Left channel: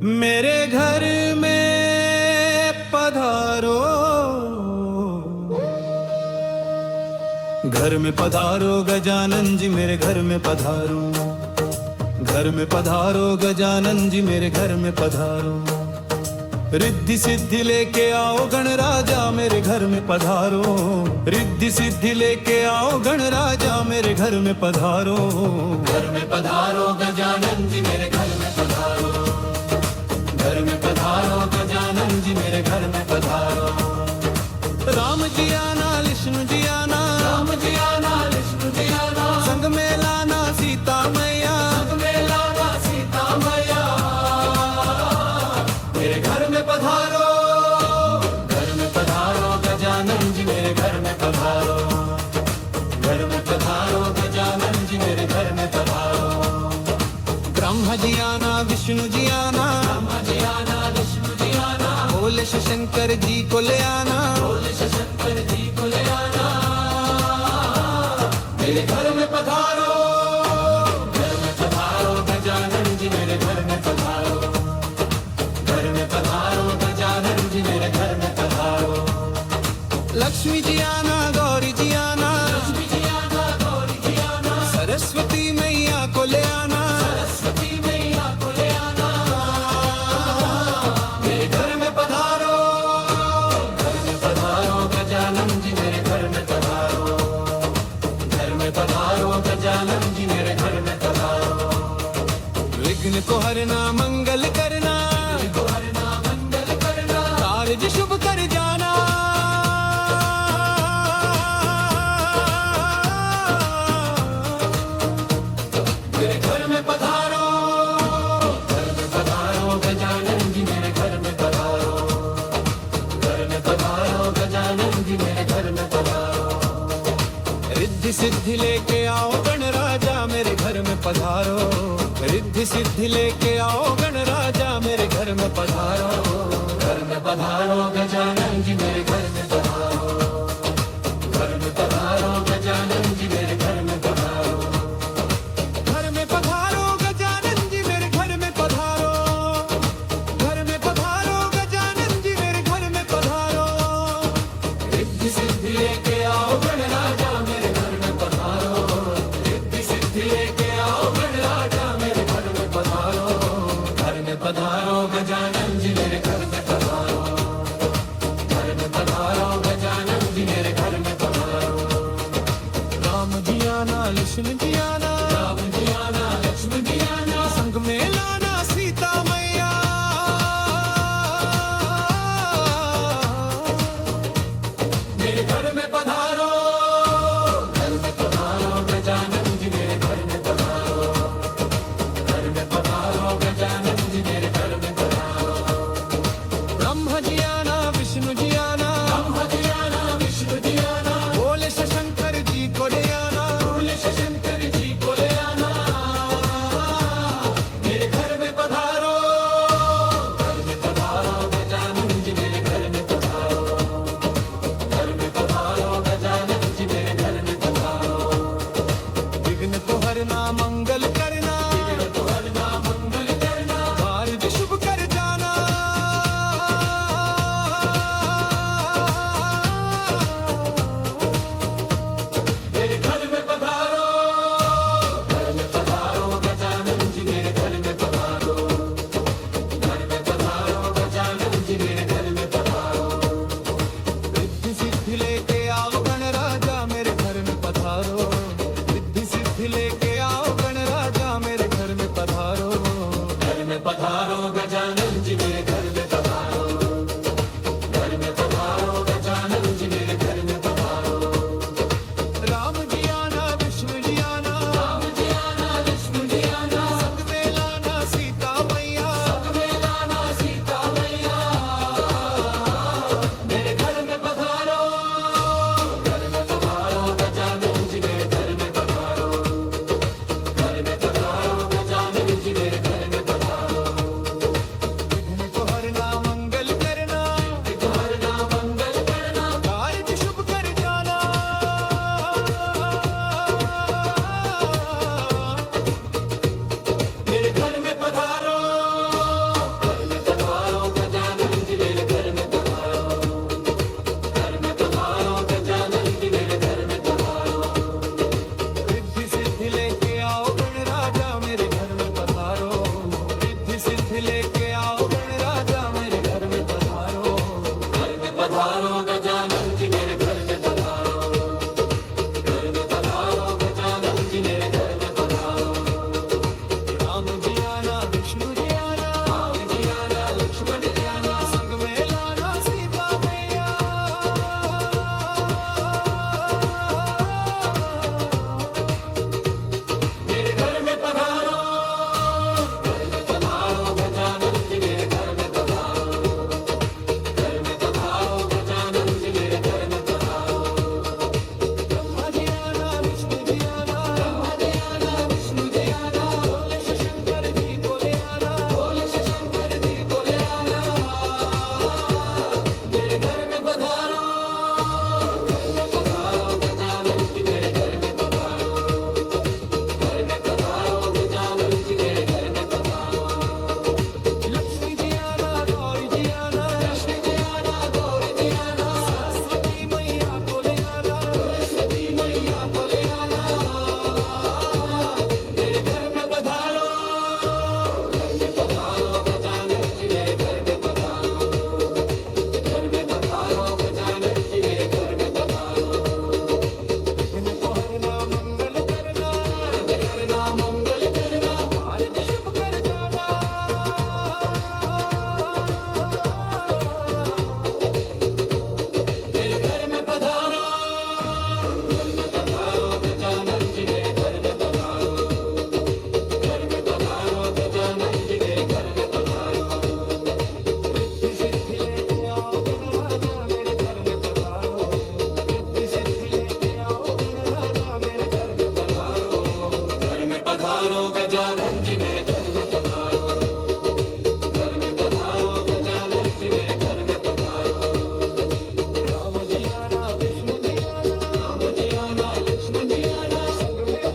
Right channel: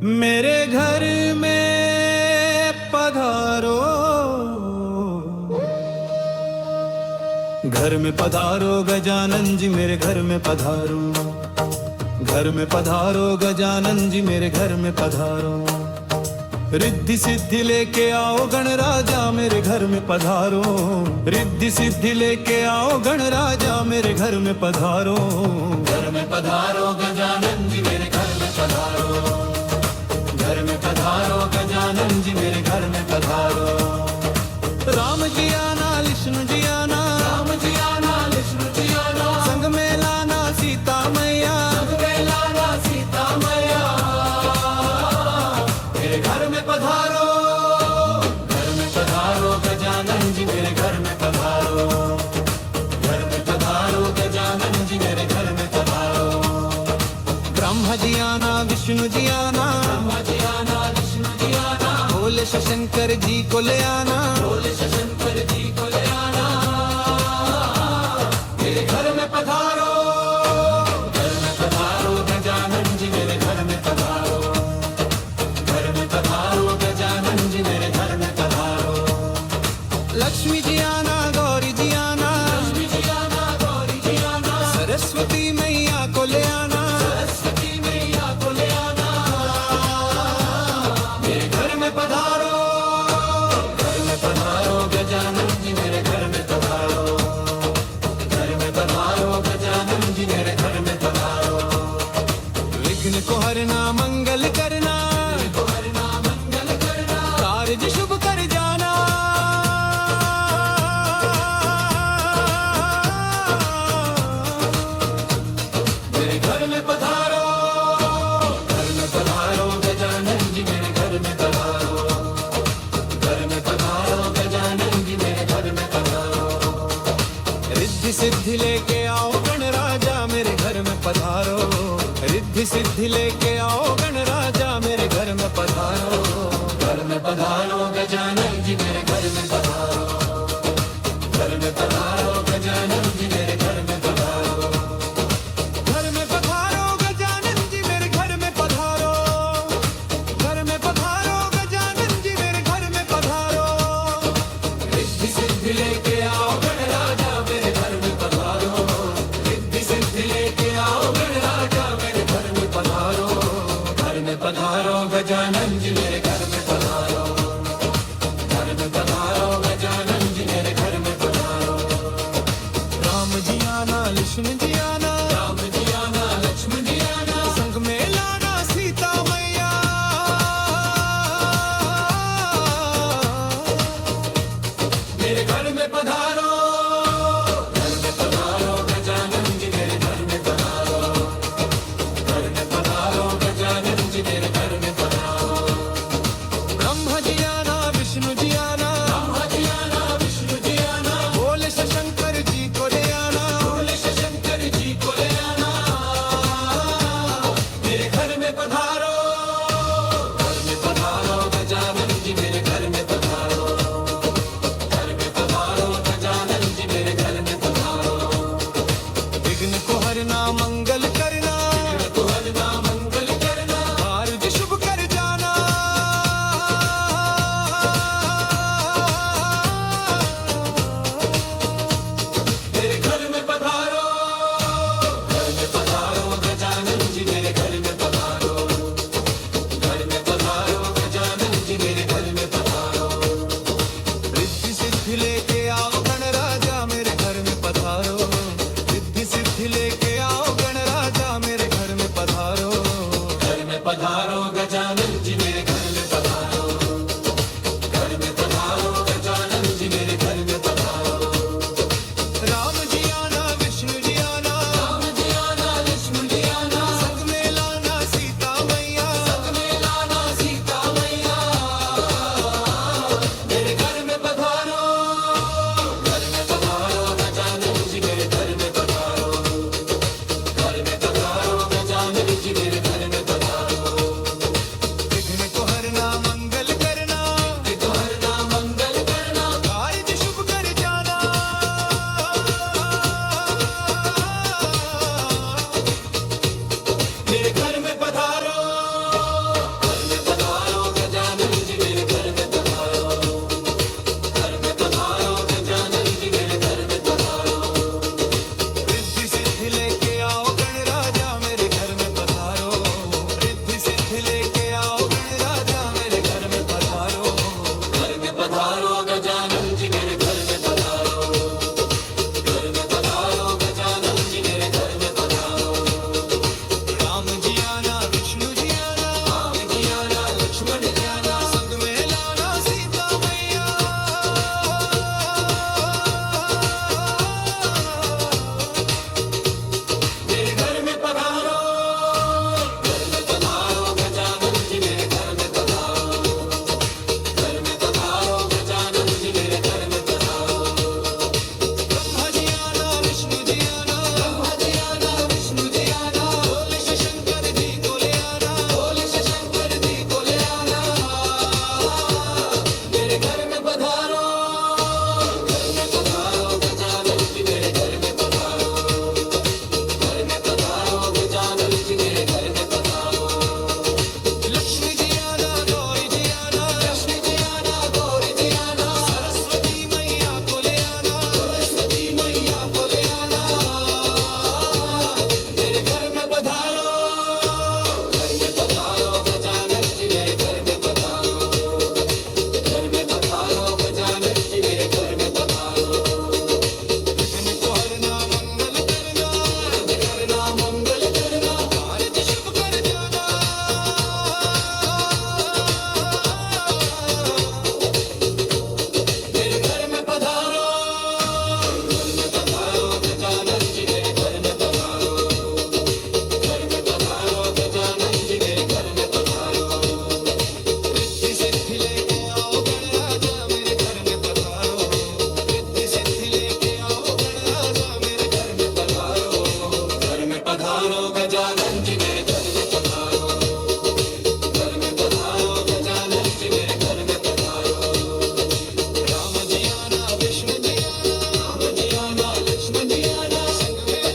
मेरे घर में पधारो, घर में पधारो गजानन जी मेरे घर में पधारो, घर में पधारो गजानन जी मेरे घर में पधारो। रिद्धि सिद्धि लेके आओ गणराजा मेरे घर में पधारो, रिद्धि सिद्धि लेके आओ गणराजा मेरे घर में पधारो। घर में पधारो गजानन जी मेरे घर में पधारो, घर में पधारो गजानन जी मेरे घर में पधारो। राम जी आना विष्णु जी आना, राम जी आना विष्णु जी आना, संग में लाना सीता मैया, संग में लाना सीता मैया। मेरे घर में पधारो, घर में पधारो गजानन जी मेरे घर में पधारो, घर में पधारो गजानन जी मेरे घर में पधारो। ब्रह्मा जी आना विष्णु जी आना, ब्रह्मा जी आना विष्णु जी आना, भोले शंकर जी को ले आना, भोले शंकर जी को ले आना। मेरे घर में पधारो, घर में पधारो गजानन जी मेरे घर में पधारो, घर में पधारो गजानन जी मेरे घर में पधारो। लक्ष्मी जी आना गौरी जी आना, लक्ष्मी जी आना गौरी जी आना, सरस्वती मैया को ले आना, सरस्वती मैया को ले आना। मेरे घर में पधारो, घर में पधारो गजानन जी मेरे घर में पधारो, घर में पधारो गजानन जी मेरे घर में पधारो। विघ्न को हरना मंगल करना, विघ्न को हरना मंगल करना, कार्य शुभ कर जाना। मेरे घर में पधारो, घर में पधारो गजानन जी मेरे घर में पधारो, घर में पधारो गजानन जी मेरे घर में पधारो। रिद्धि सिद्धि लेके आओ गणराजा मेरे घर में पधारो, रिद्धि सिद्धि लेके आओ गणराजा मेरे घर में पधारो। घर में पधारो गजानन जी मेरे घर में पधारो, घर में पधारो गजानन जी मेरे घर में पधारो। घर में पधारो गजानन जी मेरे घर में पधारो, घर में पधारो गजानन जी मेरे घर में पधारो। रिद्धि सिद्धि लेके आओ गणराजा मेरे घर में पधारो, रिद्धि सिद्धि लेके आओ गणराजा मेरे घर में पधारो। घर में पधारो गजानन जी मेरे घर में पधारो, घर में पधारो गजानन जी मेरे घर में पधारो। राम जी आना लक्ष्मण जी आना, राम जी आना लक्ष्मण जी आना, संग में लाना सीता मैया। मेरे घर में पधारो, घर में पधारो गजानन जी मेरे घर में पधारो, घर में पधारो गजानन जी मेरे घर में पधारो। ब्रह्मा जी आना विष्णु जी आना, ब्रह्मा जी आना विष्णु जी आना, भोले शंकर जी को ले आना, भोले शंकर जी को ले आना। मेरे घर में पधारो, घर में पधारो गजानन जी मेरे घर में पधारो, घर में पधारो गजानन जी मेरे घर में पधारो। विघ्न को हरना मंगल करना, विघ्न को हरना मंगल करना, कार्य शुभ कर जाना। मेरे घर में पधारो, घर में पधारो गजानन जी मेरे घर में पधारो, घर में पधारो गजानन जी मेरे घर में पधारो। रिद्धि सिद्धि लेके आओ गणराजा मेरे घर में पधारो, रिद्धि सिद्धि लेके आओ गणराजा मेरे घर में पधारो। घर में पधारो गजानन जी मेरे घर में पधारो, घर में पधारो गजानन जी मेरे घर में पधारो। राम जी आना विष्णु जी आना, राम जी आना विष्णु जी आना, संग में लाना सीता मैया, संग में लाना सीता मैया। मेरे घर में पधारो, घर में पधारो गजानन जी मेरे घर में पधारो, घर में पधारो गजानन जी मेरे घर में पधारो। विघ्न को हरना मंगल करना, विघ्न को हरना मंगल करना, कार्य शुभ कर जाना। सिद्धि लेके आओ गणराजा मेरे घर में पधारो, रिद्धि सिद्धि लेके आओ गणराजा मेरे घर में पधारो, घर में पधारो गजानन जी मेरे घर में पधारो, घर में पधारो गजानन जी मेरे घर में पधारो। राम जी आना विष्णु जी आना, लक्ष्मण जी आना, संग में लाना सीता मैया, मेरे घर में पधारो, घर में पधारो गजानन जी मेरे घर में पधारो, घर में पधारो गजानन जी मेरे घर में पधारो। ब्रह्मा जी आना विष्णु जी आना, भोले शंकर जी को ले आना, मेरे घर में पधारो, घर में पधारो गजानन जी मेरे घर में पधारो, घर में पधारो गजानन जी मेरे घर में पधारो। लक्ष्मी जी आना गौरी जी आना, सरस्वती मैया को ले आना, मेरे घर में पधारो, घर में पधारो गजानन जी मेरे घर में पधारो, घर में पधारो गजानन जी मेरे घर में पधारो। विघ्न को हरना मंगल करना, कार्य शुभ कर जाना, मेरे घर में पधारो, घर में पधारो गजानन जी मेरे घर में पधारो, घर में पधारो गजानन जी मेरे घर में पधारो। रिद्धि सिद्धि लेके आओ गणराजा मेरे घर में पधारो, रिद्धि सिद्धि लेके आओ गणराजा मेरे घर में पधारो, घर में पधारो गजानन जी मेरे घर में पधारो, घर में पधारो गजानन जी मेरे घर में पधारो। राम जी आना विष्णु जी आना, लक्ष्मण जी आना, संग में